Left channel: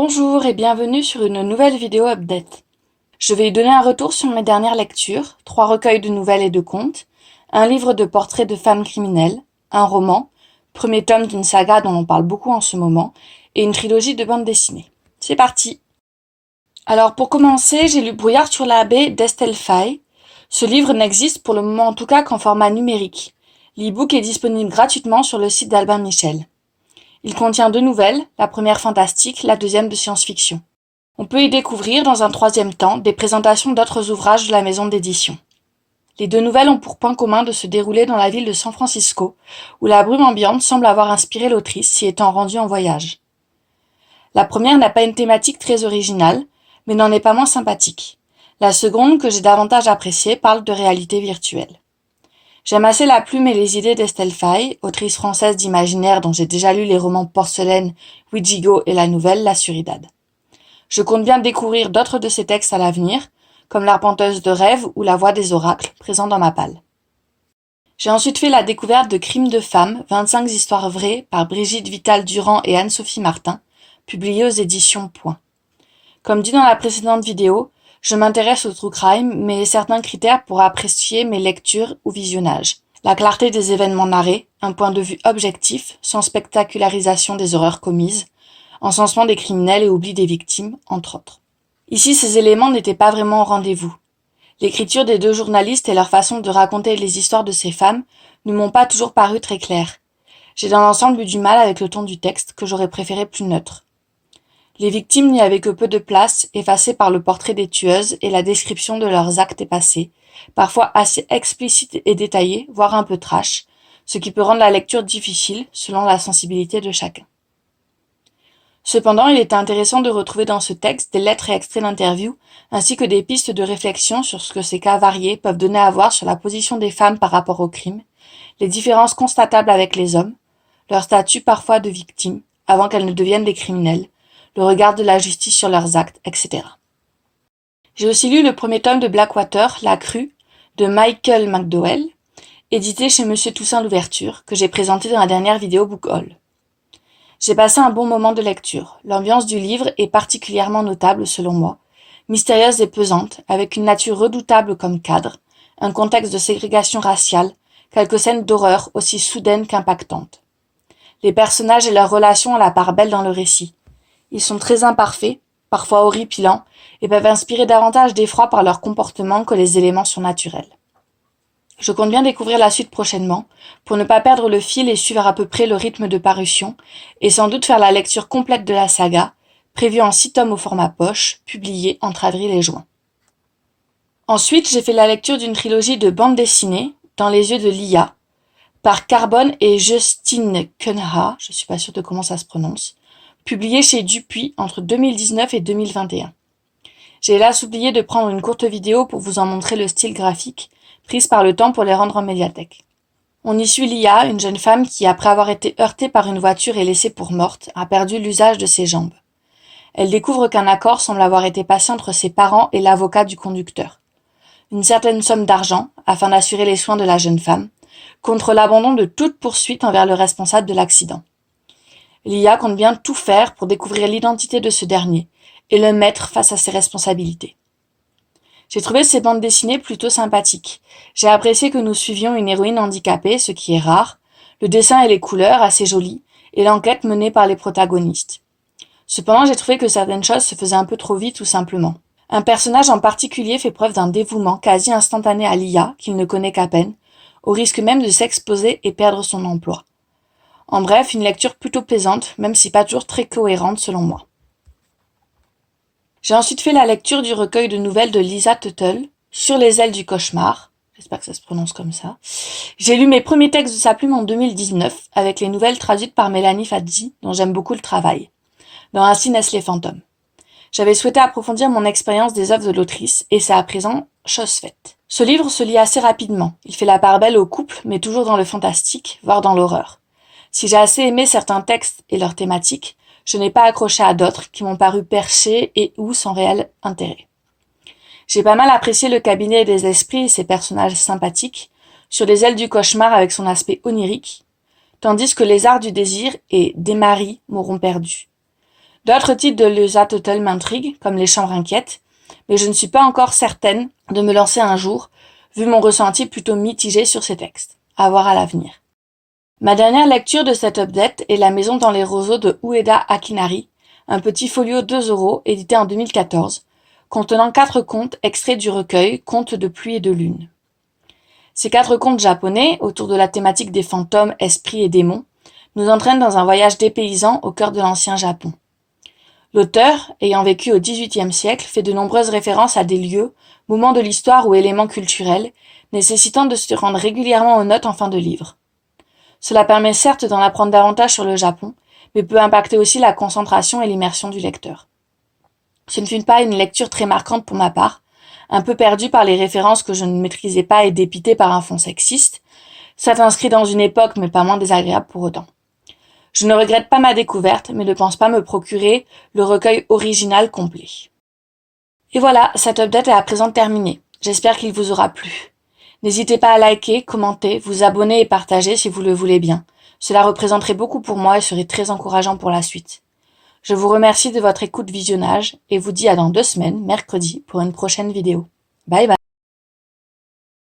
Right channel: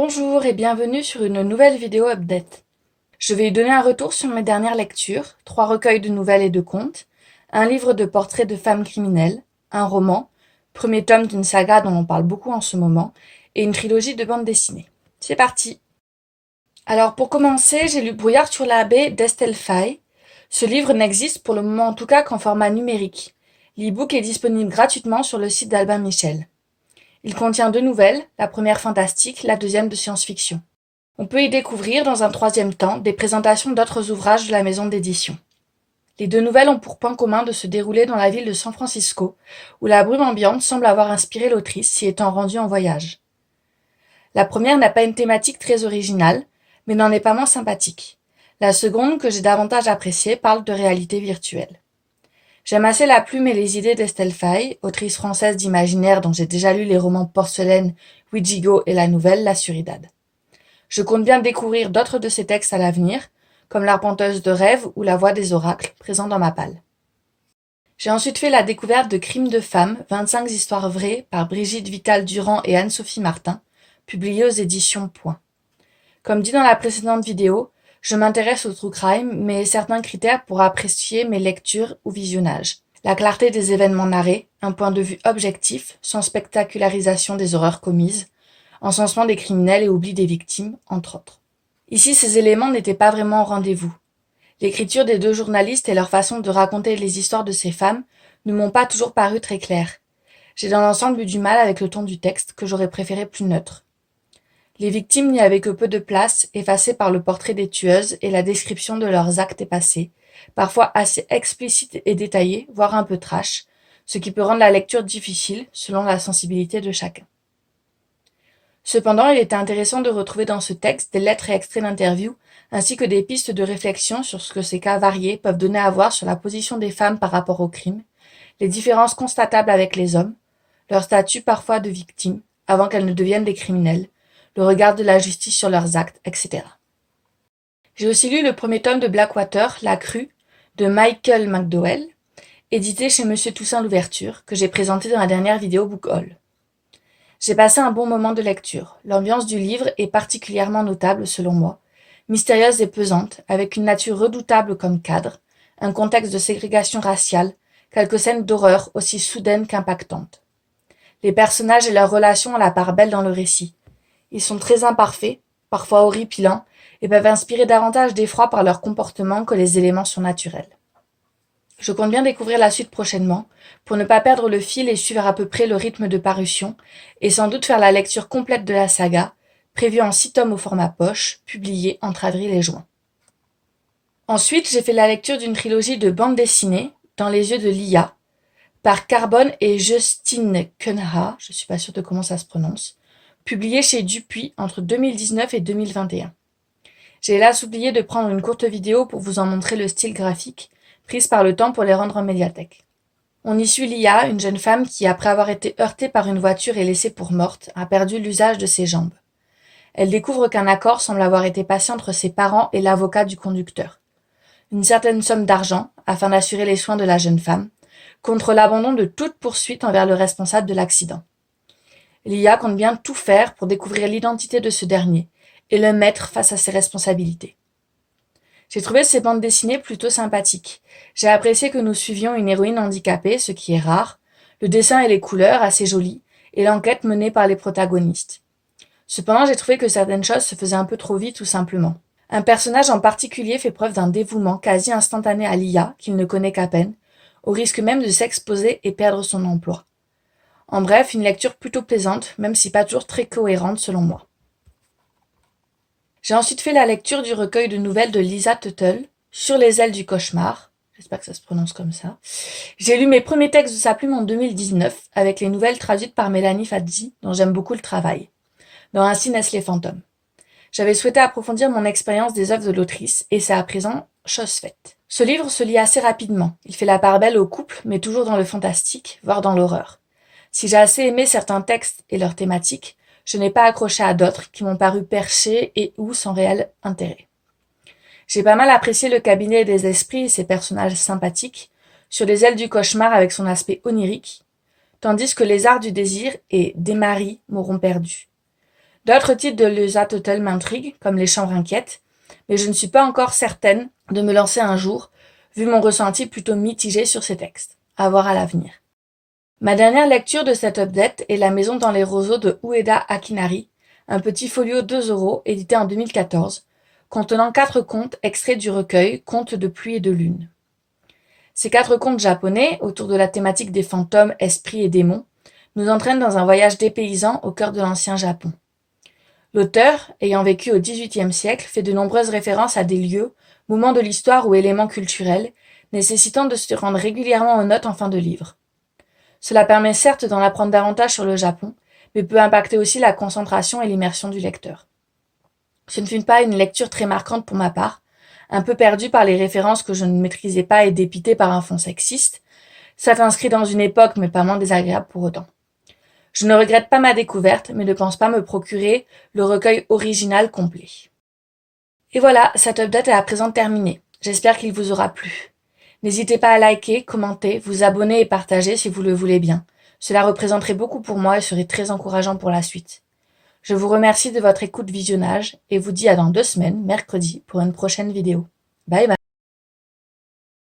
Bonjour et bienvenue sur une nouvelle vidéo update. Je vais donner un retour sur mes dernières lectures, 3 recueils de nouvelles et de contes, un livre de portraits de femmes criminelles, un roman, premier tome d'une saga dont on parle beaucoup en ce moment, et une trilogie de bandes dessinées. C'est parti! Alors pour commencer, j'ai lu Brouillard sur la baie d'Estelle Faye. Ce livre n'existe pour le moment en tout cas qu'en format numérique. L'e-book est disponible gratuitement sur le site d'Albin Michel. Il contient 2 nouvelles, la première fantastique, la deuxième de science-fiction. On peut y découvrir, dans un troisième temps, des présentations d'autres ouvrages de la maison d'édition. Les 2 nouvelles ont pour point commun de se dérouler dans la ville de San Francisco, où la brume ambiante semble avoir inspiré l'autrice, s'y étant rendue en voyage. La première n'a pas une thématique très originale, mais n'en est pas moins sympathique. La seconde, que j'ai davantage appréciée, parle de réalité virtuelle. J'aime assez la plume et les idées d'Estelle Faye, autrice française d'imaginaire dont j'ai déjà lu les romans Porcelaine, Ouijigo et la nouvelle La Suridade. Je compte bien découvrir d'autres de ses textes à l'avenir, comme L'Arpenteuse de rêve ou La voix des oracles, présents dans ma palle. J'ai ensuite fait la découverte de Crimes de femmes, 25 histoires vraies, par Brigitte Vital-Durand et Anne-Sophie Martin, publiées aux éditions Point. Comme dit dans la précédente vidéo, je m'intéresse au true crime, mais certains critères pour apprécier mes lectures ou visionnages. La clarté des événements narrés, un point de vue objectif, sans spectacularisation des horreurs commises, encensement des criminels et oubli des victimes, entre autres. Ici, ces éléments n'étaient pas vraiment au rendez-vous. L'écriture des 2 journalistes et leur façon de raconter les histoires de ces femmes ne m'ont pas toujours paru très claires. J'ai dans l'ensemble eu du mal avec le ton du texte, que j'aurais préféré plus neutre. Les victimes n'y avaient que peu de place, effacées par le portrait des tueuses et la description de leurs actes passés, parfois assez explicite et détaillée, voire un peu trash, ce qui peut rendre la lecture difficile selon la sensibilité de chacun. Cependant, il était intéressant de retrouver dans ce texte des lettres et extraits d'interviews, ainsi que des pistes de réflexion sur ce que ces cas variés peuvent donner à voir sur la position des femmes par rapport au crime, les différences constatables avec les hommes, leur statut parfois de victimes, avant qu'elles ne deviennent des criminels, le regard de la justice sur leurs actes, etc. J'ai aussi lu le premier tome de Blackwater, La Crue, de Michael McDowell, édité chez Monsieur Toussaint Louverture, que j'ai présenté dans la dernière vidéo Book Haul. J'ai passé un bon moment de lecture. L'ambiance du livre est particulièrement notable selon moi, mystérieuse et pesante, avec une nature redoutable comme cadre, un contexte de ségrégation raciale, quelques scènes d'horreur aussi soudaines qu'impactantes. Les personnages et leurs relations ont la part belle dans le récit. Ils sont très imparfaits, parfois horripilants, et peuvent inspirer davantage d'effroi par leur comportement que les éléments sont naturels. Je compte bien découvrir la suite prochainement, pour ne pas perdre le fil et suivre à peu près le rythme de parution, et sans doute faire la lecture complète de la saga, prévue en 6 tomes au format poche, publiée entre avril et juin. Ensuite, j'ai fait la lecture d'une trilogie de bandes dessinées, Dans les yeux de Lia, par Carbone et Justine Cunha, je suis pas sûre de comment ça se prononce, publié chez Dupuis entre 2019 et 2021. J'ai hélas oublié de prendre une courte vidéo pour vous en montrer le style graphique, prise par le temps pour les rendre en médiathèque. On y suit Lia, une jeune femme qui, après avoir été heurtée par une voiture et laissée pour morte, a perdu l'usage de ses jambes. Elle découvre qu'un accord semble avoir été passé entre ses parents et l'avocat du conducteur. Une certaine somme d'argent, afin d'assurer les soins de la jeune femme, contre l'abandon de toute poursuite envers le responsable de l'accident. Lia compte bien tout faire pour découvrir l'identité de ce dernier et le mettre face à ses responsabilités. J'ai trouvé ces bandes dessinées plutôt sympathiques. J'ai apprécié que nous suivions une héroïne handicapée, ce qui est rare, le dessin et les couleurs assez jolis, et l'enquête menée par les protagonistes. Cependant, j'ai trouvé que certaines choses se faisaient un peu trop vite tout simplement. Un personnage en particulier fait preuve d'un dévouement quasi instantané à Lia, qu'il ne connaît qu'à peine, au risque même de s'exposer et perdre son emploi. En bref, une lecture plutôt plaisante, même si pas toujours très cohérente selon moi. J'ai ensuite fait la lecture du recueil de nouvelles de Lisa Tuttle, Sur les ailes du cauchemar. J'espère que ça se prononce comme ça. J'ai lu mes premiers textes de sa plume en 2019, avec les nouvelles traduites par Mélanie Fadzi, dont j'aime beaucoup le travail, dans Ainsi naissent les fantômes. J'avais souhaité approfondir mon expérience des œuvres de l'autrice, et c'est à présent chose faite. Ce livre se lit assez rapidement. Il fait la part belle au couple, mais toujours dans le fantastique, voire dans l'horreur. Si j'ai assez aimé certains textes et leurs thématiques, je n'ai pas accroché à d'autres qui m'ont paru perchés et ou sans réel intérêt. J'ai pas mal apprécié le cabinet des esprits et ses personnages sympathiques, Sur les ailes du cauchemar avec son aspect onirique, tandis que Les arts du désir et Des maris m'auront perdu. D'autres titres de Lisa Tuttle m'intriguent, comme Les Chambres inquiètes, mais je ne suis pas encore certaine de me lancer un jour, vu mon ressenti plutôt mitigé sur ces textes. À voir à l'avenir. Ma dernière lecture de cette update est La Maison dans les roseaux de Ueda Akinari, un petit folio 2 €, édité en 2014, contenant 4 contes extraits du recueil Contes de pluie et de lune. Ces 4 contes japonais, autour de la thématique des fantômes, esprits et démons, nous entraînent dans un voyage dépaysant au cœur de l'ancien Japon. L'auteur, ayant vécu au XVIIIe siècle, fait de nombreuses références à des lieux, moments de l'histoire ou éléments culturels, nécessitant de se rendre régulièrement aux notes en fin de livre. Cela permet certes d'en apprendre davantage sur le Japon, mais peut impacter aussi la concentration et l'immersion du lecteur. Ce ne fut pas une lecture très marquante pour ma part, un peu perdue par les références que je ne maîtrisais pas et dépitée par un fond sexiste, soit inscrit dans une époque mais pas moins désagréable pour autant. Je ne regrette pas ma découverte, mais ne pense pas me procurer le recueil original complet. Et voilà, cette update est à présent terminée. J'espère qu'il vous aura plu. N'hésitez pas à liker, commenter, vous abonner et partager si vous le voulez bien. Cela représenterait beaucoup pour moi et serait très encourageant pour la suite. Je vous remercie de votre écoute visionnage et vous dis à dans 2 semaines, mercredi, pour une prochaine vidéo. Bye bye.